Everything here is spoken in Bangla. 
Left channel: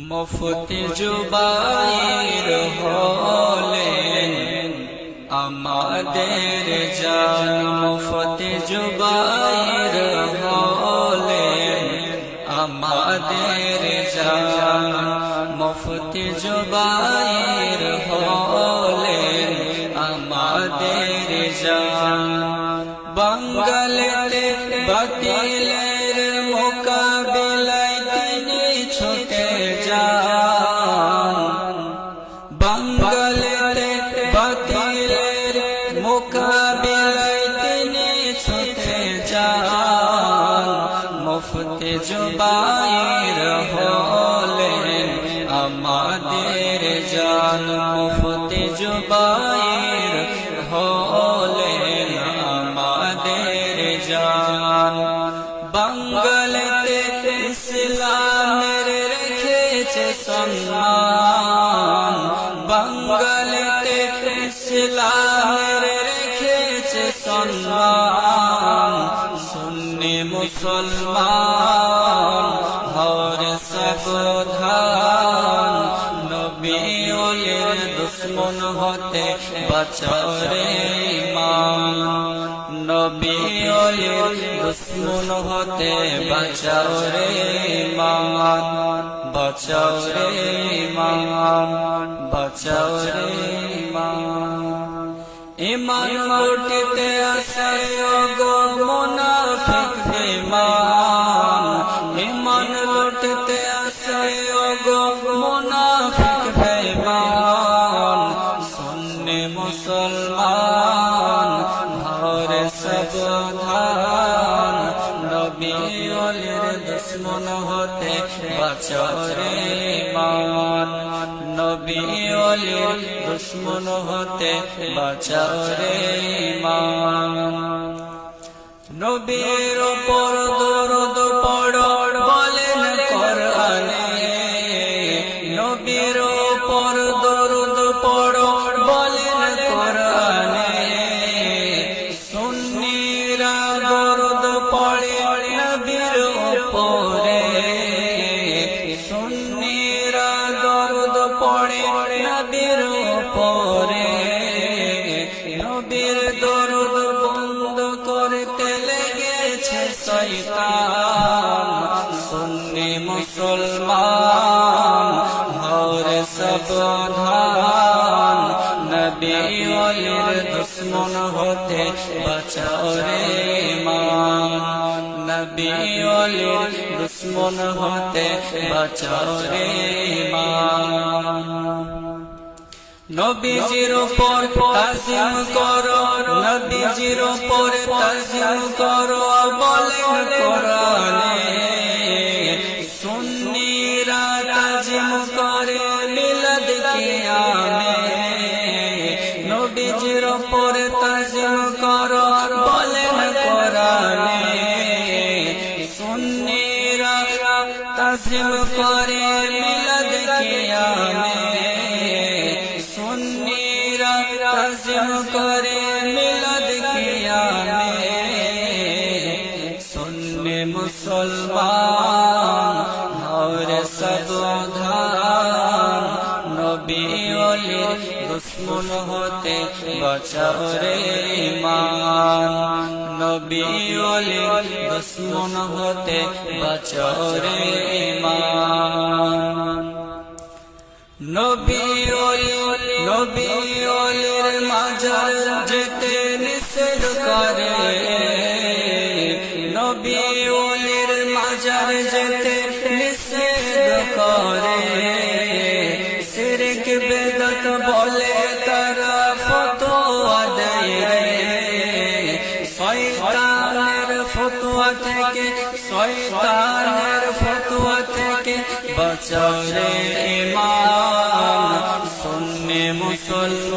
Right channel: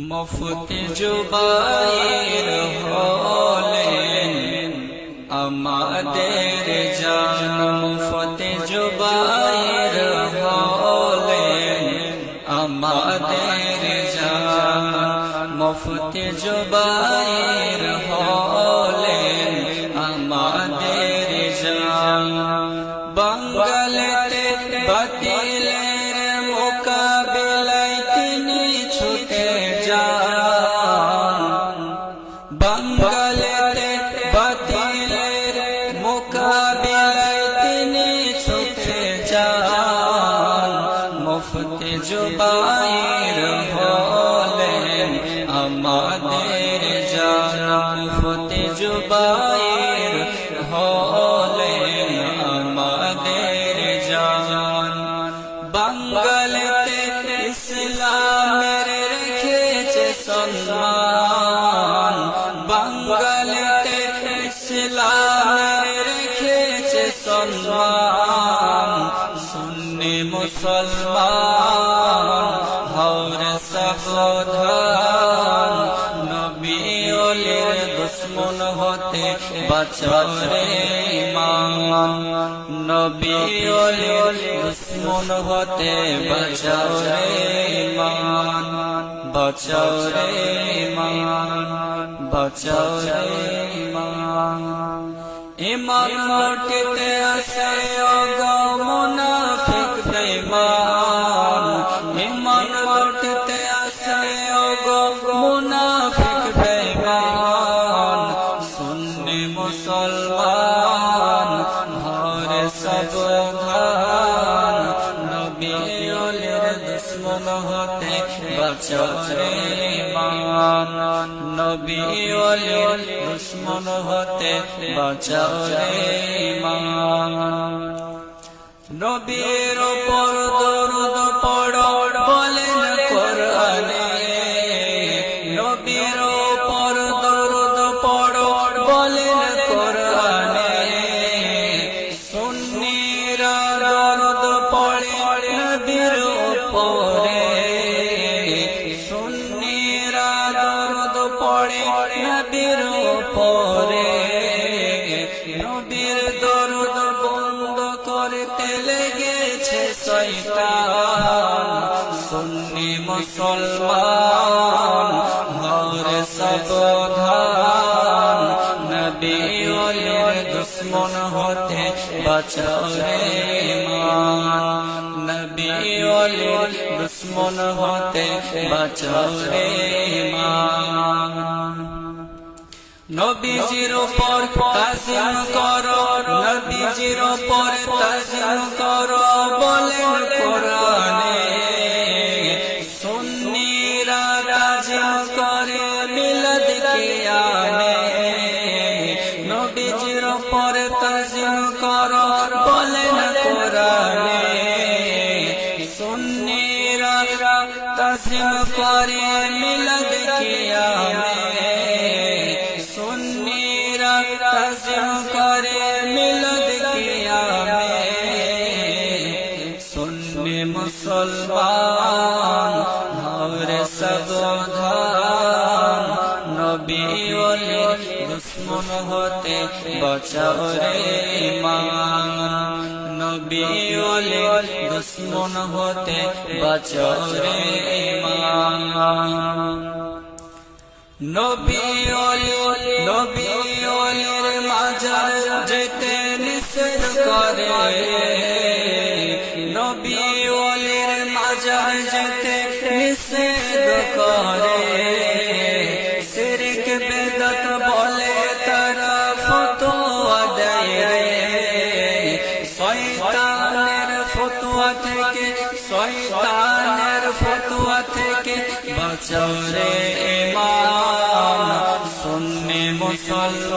মুফতি জুবাইর হলেন আমাদের জান। মুফতি জুবাইর হলেন আমাদের জান। মুফতি জুবাইর হলেন আমাদের জান। বাঙ্গালেতে বাতিলের মোকাবিলায় বাতিলের মোকাবিলায় তিনি ছুটে যান। মুফতে জুবাইর হলেন আমাদের জান। মুফতে জুবাইর হলেন আমাদের জান। বাঙ্গালেতে ইসলামের রেখেছে সম্মান। বাঙ্গালেতে ইসলামের রেখেছে সম্মান। সুন্নি মুসলমান হর সাবধান। ওলির দুশ্মন হতে বাঁচাও ইমান। নবী ওলির দুশ্মন হতে বাঁচাও ইমান। বাঁচাও রে ইমান। বাঁচাও রে ইমান। ইমান লুটিতে আসে অগো মুনাফিক বেঈমান। ইমান লুটিতে আসে অগো মুনাফিক বেঈমান। সুন্নি মুসলমান, ঘরে সাবধান। নবী অলির দুশ্মন হতে বাঁচরে মান নবী অলির দুশ্মন হতে বাঁচরে মান নবীর ওপর নবীর ওপরে সুন্নিরা দরদ পড়ে নবীর ওপরে নবীর দরদ বন্ধ করতে লেগেছে শয়তান। সুন্নি মুসলমান, ঘরে সাবধান নবী অলির দুশ্মন হতে বাঁচাও রে মান নবী অলির দুশ্মন হতে বাঁচাও রে মান নবীজির ওপর তাজিম করো, নবীজির ওপর তাজিম করো বলেন কোরআনে। সুন্নিরা তাজিম করে মিলাদ কিয়ামে। নবীজির ওপর তাজিম করো বলেন কোরআনে। সুন্নিরা তাজিম করে মিলাদ কিয়ামে সুন্নিরা তাজিম করে মিলাদ কিয়ামে সুন্নি মুসলমান হরে সাবধান নবী অলির দুশ্মন হতে বাঁচাও রে ইমান। নবী অলির দুশ্মন হতে বাঁচাও রে ইমান নবী অলি নবী অলির মাজার যেতে নিষেধ করে। নবী অলির মাজার যেতে নিষেধ করে। শিরক বেদত বলে তারা শয়তানের ফতুয়া থেকে বাঁচাও রে ইমান সুন্নি মুসলমান